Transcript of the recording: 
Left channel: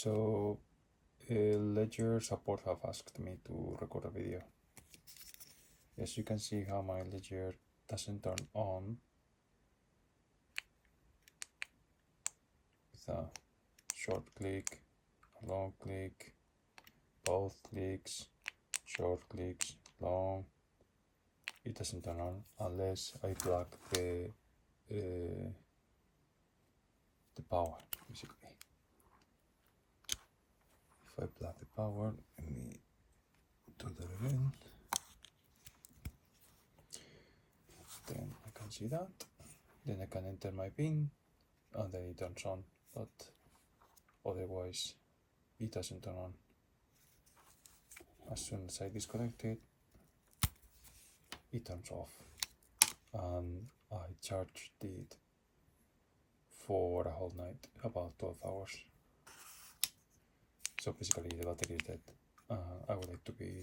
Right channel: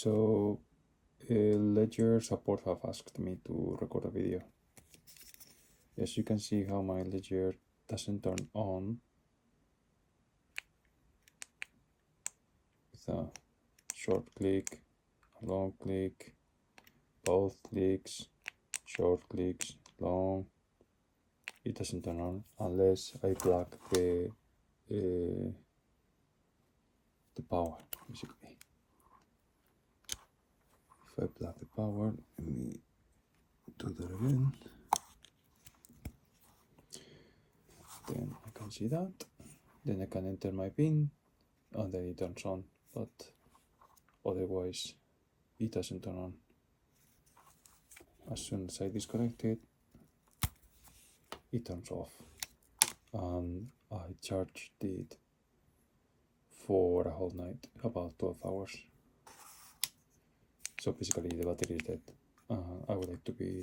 So Ledger support have asked me to record a video. As you can see how my Ledger doesn't turn on with a short click, long click, both clicks, short clicks, long. It doesn't turn on unless I plug the power, basically. If I plug the power, let me do that again. Then I can see that. Then I can enter my PIN and then it turns on, but otherwise it doesn't turn on. As soon as I disconnect it, it turns off, and I charged it for a whole night, about 12 hours. So basically the battery is dead. I would like to be